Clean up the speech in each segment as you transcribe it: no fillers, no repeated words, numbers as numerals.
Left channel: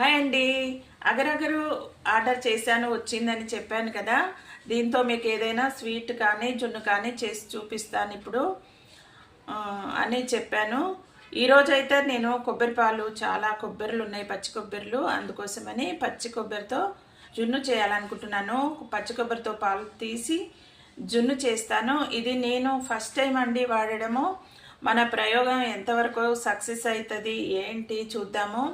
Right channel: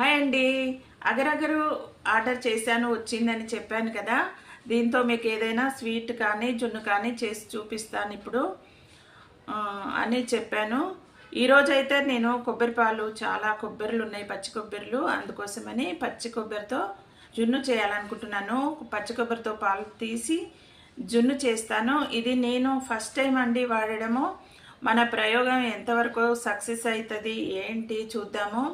Hi అండి. అగరగరు order చేశాను, వచ్చిందని చెప్పాను కదా. దీంతో మీకు ఏదైనా స్వీట్ కానీ జున్ను కానీ చేసి చూపిస్తాను ఇప్పుడు అని చెప్పాను. ఈరోజైతే నేను కొబ్బరి పాలు, చాలా కొబ్బరిలు ఉన్నాయి, పచ్చి కొబ్బరిలు, అందుకోసమని పచ్చి కొబ్బరితో జున్ను చేయాలనుకుంటున్నాను. పచ్చి కొబ్బరితో పాలు తీసి జున్ను చేస్తాను. ఇది నేను ఫస్ట్ టైం అండి వాడడము. మన ప్రయోగం ఎంతవరకు సక్సెస్ అవుతుంది ఏంటి చూద్దాము.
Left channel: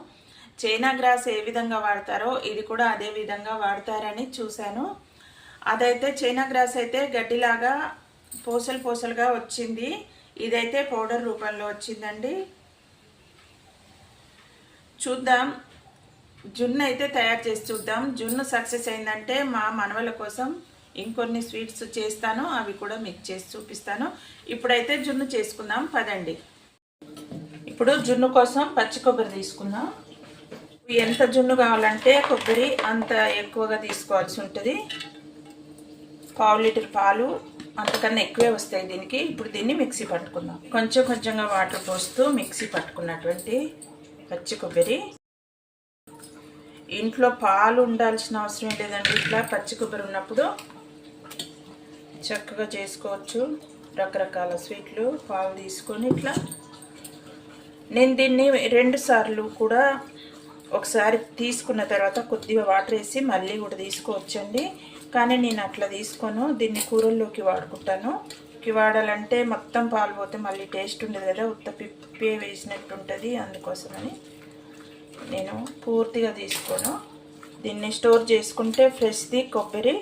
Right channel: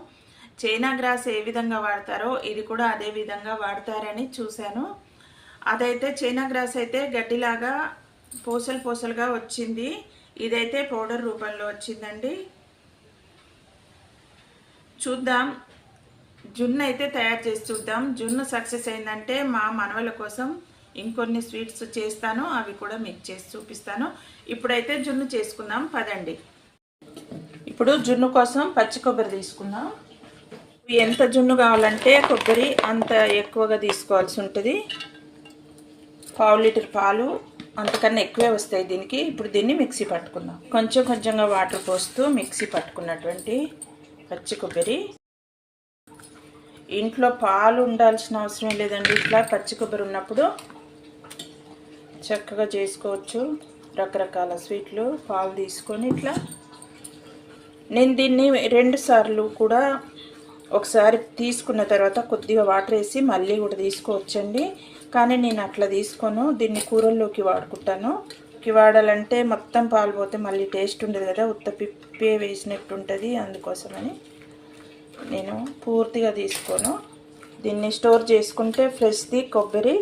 చైనా గ్రాస్ ఏ విధంగా వాడతారో ఇది కూడా అదే విధంగా వాడతారని చూశాను. అదైతే చైనా గ్రాస్ అయితే గడ్డిలాగా పూసలు పూసలుగా వచ్చింది. ఇదైతే పౌడర్ రూపంలో వచ్చిందండి. చూద్దాం, జున్ను అయితే తయారు చేసి చూద్దాం. జున్ను సక్సెస్ అయిందంటే మా మనవల కోసం ఇంకొన్ని స్వీట్స్ చేస్తాను, అవి కూడా మీకు చేసి చూపిస్తాను. ఇప్పుడైతే జున్ను చేసుకుందాం పదండి. ఇప్పుడు జున్ను కోసం పచ్చి కొబ్బరి తీసుకుందాం. ఎంత జున్ను కావాలంటే కొబ్బరి అంత ఎక్కువగా తీసుకోవాల్సి ఉంటుంది. పావు లీటర్ పాలు అంతకన్నా ఎక్కువే వస్తాయి దీనికి. ఇప్పుడు దీన్ని మిక్సీ పట్టుకుందాం. కొంచెం కొంచెంగా వాటర్ పోస్తూ మిక్సీ పట్టుకున్నటువంటి పచ్చి కొబ్బరి. ఇంట్లో పాలు ఉండాల్సిన అవసరం లేదండి. ఇట్లా పచ్చి కొబ్బరి ఉన్నప్పుడు చక్కగా చేసుకోవచ్చు రకరకాల స్వీట్లు. పాలు తీసుకొని ఇట్లా నేను దీన్ని 2 సార్లు కూడా, ఒకసారి తీసుకున్న తర్వాత కొద్దిగా వాటర్ వేసి మళ్ళీ కూడా తీసుకోవచ్చండి. కానీ నేను అట్లా తీసుకోను, దీన్ని కూరల్లోకి వాడుకుంటాను. వాడాలంటే మొత్తం పాలు పోతే మళ్ళీ టేస్ట్ ఉండదు కదా, ఉత్త పిప్పే వేసినట్టు ఉంటుంది. అందుకోసమని నేను పూర్తిగా తీసుకోను. దీన్ని స్టోర్ చేసుకుంటే ఫ్రెష్ది కొబ్బరి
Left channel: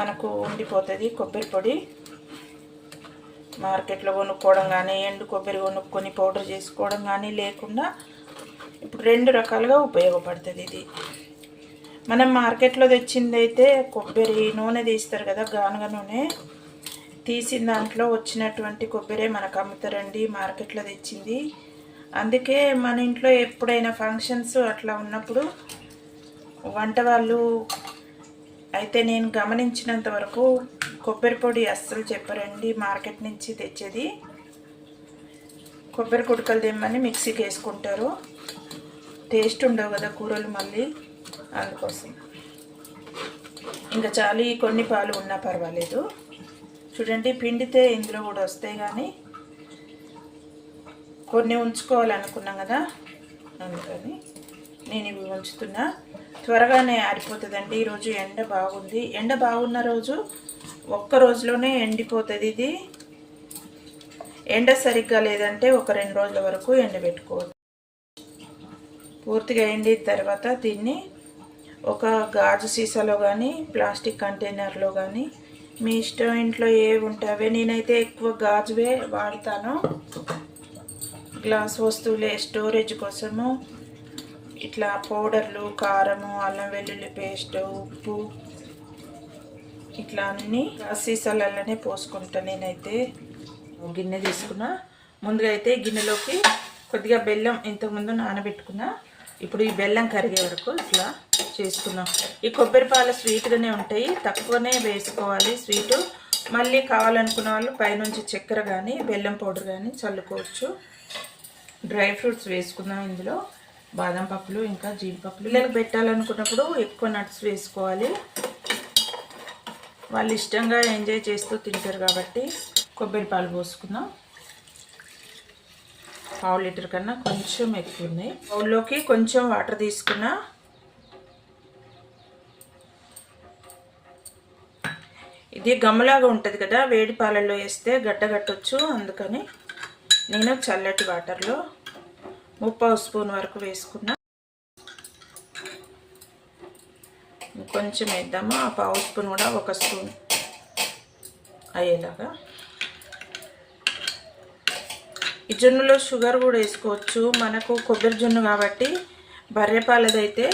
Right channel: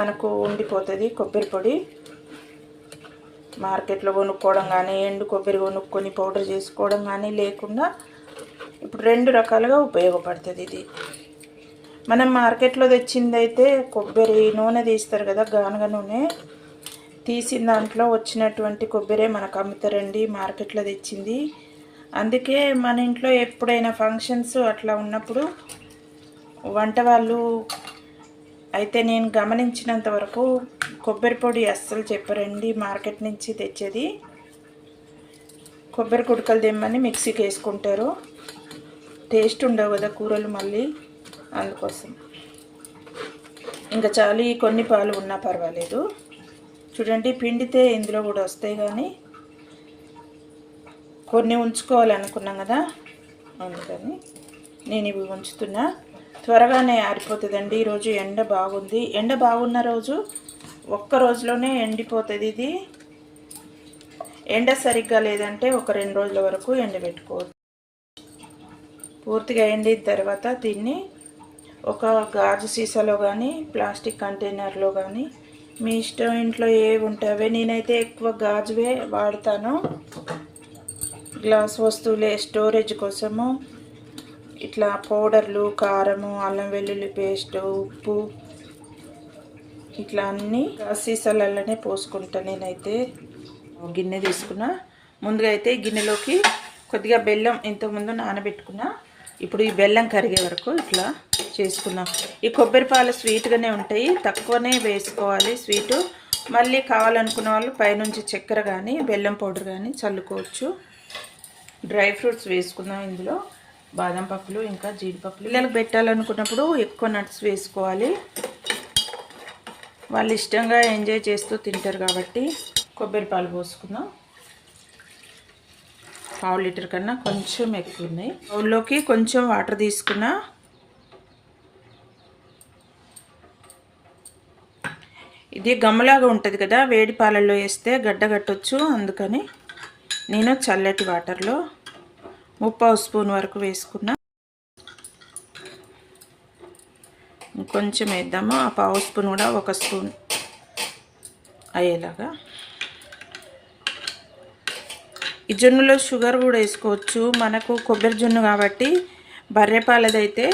మనకు ఉండిపోతుంది. కొబ్బరి పొడి మార్కెట్లో కొనుక్కోవడం కానీ, ఎండు కొబ్బరి కొనుక్కొని పౌడర్ చేసుకోవడం కానీ లేకుండా ఇప్పుడు 2 రకాలుగా ఉపయోగపడుతుంది ఇది. మనం మార్కెట్లో తెచ్చింది అయితే కొబ్బరి నూనె తీస్తారు కదా, గానుగ నూనె తీసిన దాంట్లో వచ్చినటువంటి కొబ్బరే మనకు అమ్ముతారండి మార్కెట్లో తెచ్చింది. అందుకే మన ఇంట్లో ఎప్పుడైనా ఫంక్షన్స్ అట్లా ఉన్నప్పుడు వంట వాళ్ళు అయితే నేను గమనించినంత వరకు కొబ్బరి పొడి అస్సలు చెప్పరండి మార్కెట్ నుంచి తెచ్చేది. కొబ్బరి కుడకలు తెమ్మని మిక్సీకి వేసుకుంటారు. టేస్ట్ ఉండవు కదా కూరలు మళ్ళీ, అందుకోసం. ఇంకా చాలు, ఈ కొన్ని పాలు ఉన్నా పర్వాలేదు. చూడండి, పిండితే ఇందులో కూడా వస్తాయి, కానీ కొన్ని ఉంచుకోవాలనుకున్నాం కదా, అందుకని నేను ఇవి ఉంచుతున్నా. త్వరగానే ఆరిపోతుందండి. ఈరోజు ఎండ బాగుంది. ఎండ బాగున్న రోజు ఒక్క రోజులోనే ఎండిపోతుంది ఇది. ఎండ సరిగ్గా లేదంటే ఒక 2 రోజుల వరకు ఎండబెట్టుకోవచ్చు. పూర్తిగా ఎండిన తర్వాత దీన్ని ఒక గాజు సీసాలో కానీ, ప్లాస్టిక్ కంటైనర్లో కానీ, మీ ఇష్టం, ఇంట్లో ఏవి ఉంటావే. నేనైతే ఎక్కువ గాజువే వాడతాను. గ్లాస్ వస్తువులే స్టోరేజ్ కోసము. ఇట్లా పౌడర్లు, కారము, అల్లం వెల్లుల్లి పేస్ట్, ఉప్పు, ఇట్లా అన్నీ గ్లాస్ సీసాలలోనే పోసుకుంటాను. నేనైతే గిన్నె తీసుకున్నా. ముందుగా అయితే గిన్నెలోకి కొద్దిగా బెల్లం ఇంతకుముందు నానబెట్టుకున్నా. ఇప్పుడు ఈ బెల్లం కరిగే వరకు ఇట్లా చేసుకున్నాం. ఈ కొబ్బరి పాలు స్వీట్గానే ఉంటాయి, తక్కువనే వేసుకోవాలి స్వీటు. మళ్ళీ కావాలనుకున్న వాళ్ళు పైనుంచి చక్కెర కానీ బెల్లం పౌడర్ కానీ చల్లుకోవచ్చు. డ్రై ఫ్రూట్స్ వేసుకుందాం ఇందులో. బాదం పప్పులు, ఇంకా జీడిపప్పులు. పిల్లలకు పెట్టాలనుకున్నప్పుడు ఎక్కువ నట్స్ వేసుకోవాలి. వాళ్ళు ఇష్టంగా ఎంజాయ్ చేస్తూ తింటారు కాబట్టి. కొబ్బరి పాలు పోసుకుందాం. పావు లీటర్ కన్నా కొంచెం ఎక్కువ ఉన్నాయి. బౌల్లోకి కొంచెం వాటర్ తీసుకున్నా. ఇది గమ్మలాగా ఉంటుంది కదా, వేడి పాలల్లో వేస్తే గడ్డ కట్టొచ్చు. అందుకని నేను చల్లటి వాటర్లో 3/4 స్పూన్ వరకు వేసుకున్నా. కొంచెం వేద్దాము. ఆ 1/2 స్పూన్ కూడా 1 స్పూన్ అయ్యేలాగా. ఈ జున్నులో షుగర్ కూడా వేసుకోవచ్చు. మనకు కొబ్బరి జున్ను కాబట్టి బర్రెపాలదైతే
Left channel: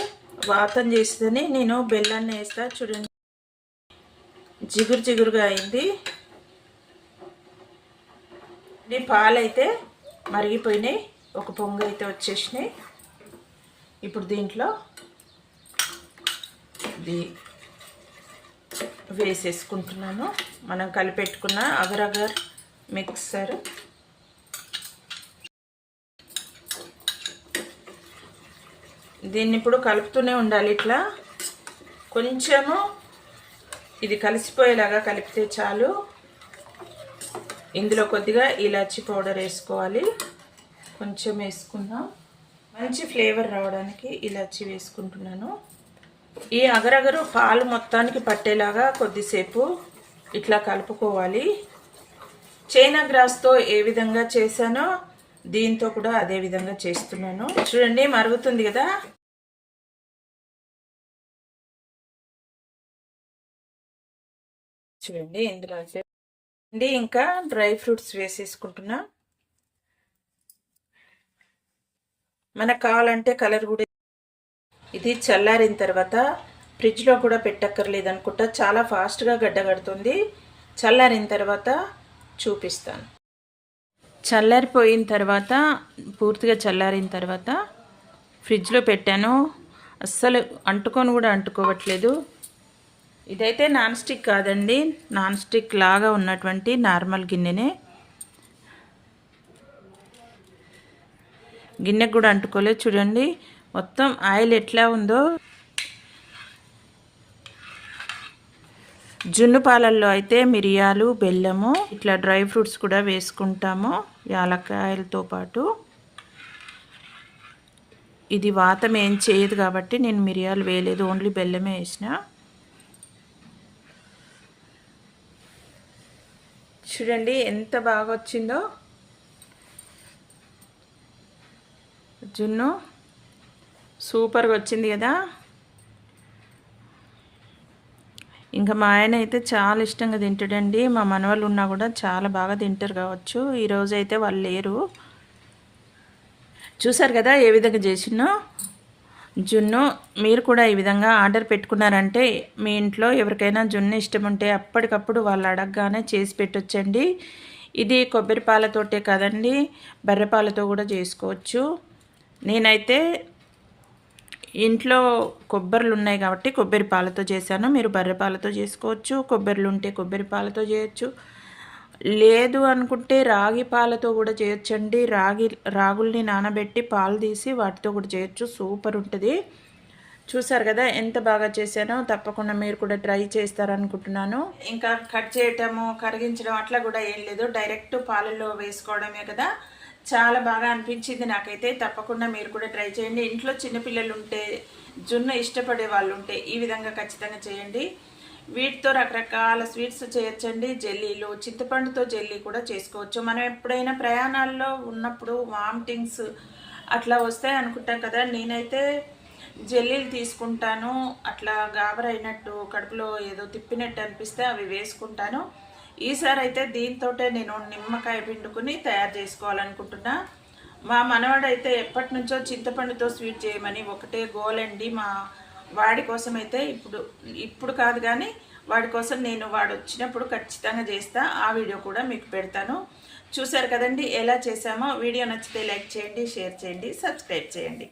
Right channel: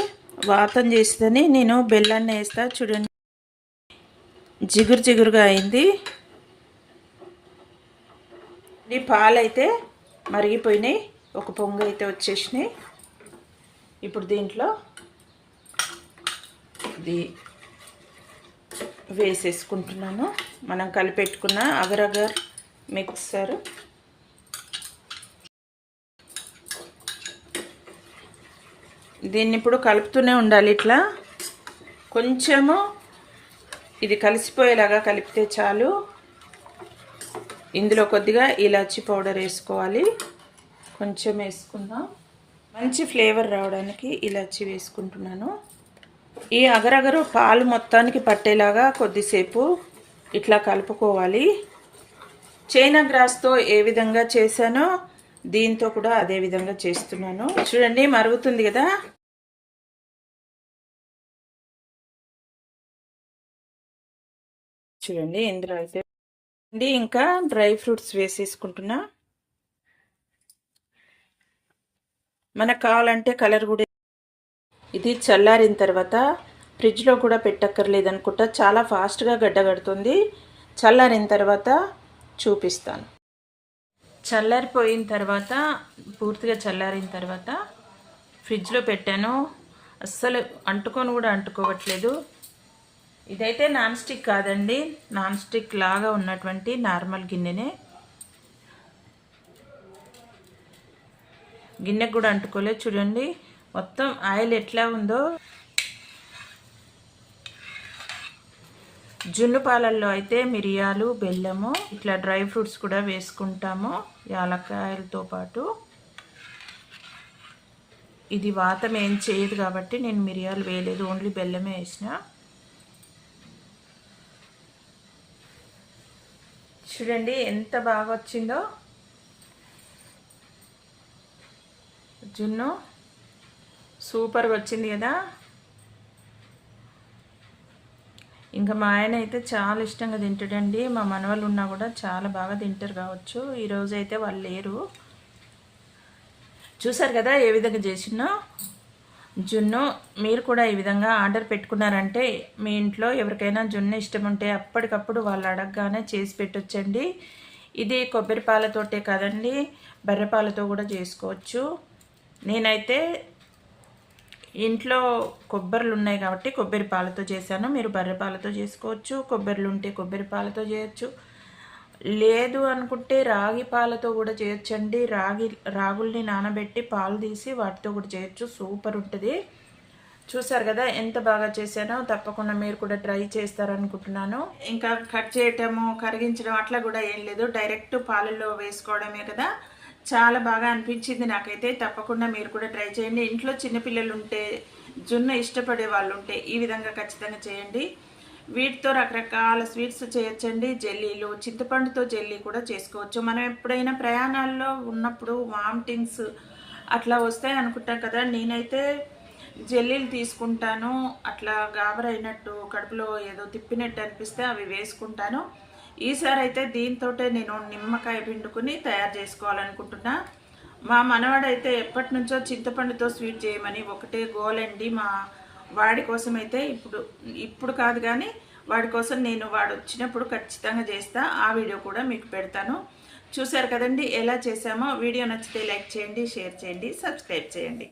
వాతం చేస్తుందని నేను బెల్లాన్ని వేస్తా. చూడండి, జిగురు జిగురుగా అయింది. ఈ పాలు అయితే మరిగిపోయినాయి, ఒక పొంగు అయితే వచ్చేసినాయి. ఇప్పుడు దీంట్లో ఇది వేసేసుకుంటున్నాను. మనం కలిపెట్టుకున్న అగరగర్ మిక్సర్. దీన్ని ఇప్పుడు కలుపుతూనే ఉండాలి. ఇట్లా కొంచెము ఇది కలిసిపోయేలాగా కలిపితే చాలు. ఇందులో కొద్దిగా ఇలాచీ పౌడర్ వేసుకోవాలి. కొంచెం వేసుకుందాం, మంచి ఫ్లేవర్ రావడానికి ఇలాచీ వేసుకుంటున్నాను. ఈ అగరగరు పాలు మొత్తానికి పట్టేలాగా కొద్దిసేపు ఇట్లా కలుపుకోవాలి. చైనా గ్రాస్తో ఏ విధంగా చేశానో దీంతో కూడా అదే విధంగా చేస్తున్నాను. చూడండి మరుగుతుంది కదా. చూడండి ఇందులో అయితే ఇంకా డ్రై ఫ్రూట్స్ వేసేసుకుంటున్నా. మనకు కావాలంటే కలర్ కూడా. ఇది చల్లారిన తర్వాత ఫ్రిడ్జ్లో కూడా పెట్టక్కర్లేదు అనుకుంటా, చాలా ఫాస్ట్గా గడ్డ కడుతుంది. చల్లారిన తర్వాత చూపిస్తాను. చల్లారిపోయిన తర్వాత, పూర్తిగా చల్లారిన తర్వాత ఫ్రిడ్జ్లో పెట్టాను. అస్సలు అంటుకొని కూడా అంటుకోవట్లేదు. ఇదైతే నాన్ స్టిక్ కాదండి, నాన్ స్టిక్ లాగా ఉన్నటువంటి నార్మల్ గిన్నెనే. గిన్నెకు కూడా అంటుకోలేదు. చూడండి మొత్తం ఆయిల్ ఎట్లా ఉందో. జున్ను పాలల్లో అయితే మిరియాలు, బెల్లము, ఇట్లా డ్రై ఫ్రూట్స్ కూడా వేసుకుంటాము యాలక్కాయలతో పాటు. ఇది వాతం ఏం చేయదు కాబట్టి నేను మిరియాలు వేయలేదు, ఓన్లీ బెల్లమే వేసిన. చూడండి ఎంత బాగా వచ్చిందో జున్ను, సూపర్గా వచ్చింది కదా. ఇంకా మా ఆయన అయితే చాలా ఇష్టంగా తింటాడండి. మా మనవాళ్ళు ఉన్నా కూడా చాలా బాగా తింటారు కావచ్చు. ఈరోజు అయితే వాళ్ళు లేరు. చూసారు కదా ఏ విధంగా చేసినో జున్ను. మీరు కూడా ఈ విధంగా ఆర్డర్ పెట్టుకున్నారంటే మీ ఇంట్లో ఎవరికైనా జున్ను ఇష్టం ఉంటే అప్పటికప్పుడు వాళ్ళు అడగగానే చేసి పెట్టొచ్చండి. ఇది కొబ్బరి పాలతోటే కదండి, బర్రెపాలతో కూడా చేసుకోవచ్చు. నేనైతే ఇంట్లో కొబ్బరిలు ఉన్నాయి కాబట్టి కొబ్బరి పాలతో చేశాను. మీరు బర్రె పాలతో చేసుకోవచ్చు. కొబ్బరిలు ఉంటే కొబ్బరి పాలతో చేయొచ్చు. లేదు అనుకుంటే రాగి పాలతో కూడా చేయొచ్చండి. రాగుల్ని నానబెట్టి పాలు తీసి వాటితో కూడా చేయొచ్చు. సూపర్ ఉంటుంది. చూసారు కదా ఎంత బాగా చేశానో. తప్పకుండా మీరు కూడా ట్రై చేస్తారనుకుంటున్నాను. ఇంకా కట్ చేయటము, కరిగించడం అట్లా కూడా ఏం లేదు, డైరెక్ట్ పాలల్లో వేసుకోవడమే కదా. చాలా బాగా అనిపించింది నాకైతే. తప్పకుండా మీరు కూడా ట్రై చేయండి. ఇంట్లో చిన్నపిల్లలు ఉంటే, జున్ను ఇష్టపడే వాళ్ళు ఉంటే ఈ విధంగా ఖచ్చితంగా చేయండి. వీటితో రకరకాల స్వీట్స్ చేయొచ్చండి. జెల్లీలు, చింతపండుతో జెల్లీ కూడా చేసుకోవచ్చు. మనం ఎప్పుడైనా ప్రయాణాల్లో ఉన్నప్పుడు వామిటింగ్స్ అట్లా వస్తాయి అనుకుంటాం కదా. నేనైతే జెల్లీలు తీసుకుంటాను. అట్లా గాబరైనట్టు, కడుపులో ఏదో తిప్పినట్టు అనిపిస్తే అవి వేసుకుంటాను. ఈసారి అయితే దీంతో నేను నిమ్మకాయ పిండుకుని తయారు చేసుకోవాలనుకుంటున్నా. మా మనవాడైతే ఎప్పటి నుంచో చింతపండుతో స్వీట్ చేయమని ఒకటే గోలండి. మా వాడి కోసం అయితే ఇప్పుడు కాదు కానీ వాడి కోసం నేను వాడు వచ్చినప్పుడు ఖచ్చితంగా చేస్తా. ఆ వీడియో కూడా మీకు పెడతాను. చూసారు కదండి ఎలా చేసామో. వీడియో నచ్చితే లైక్ చేయండి, షేర్ చేయండి, సబ్స్క్రైబ్ చేయండి.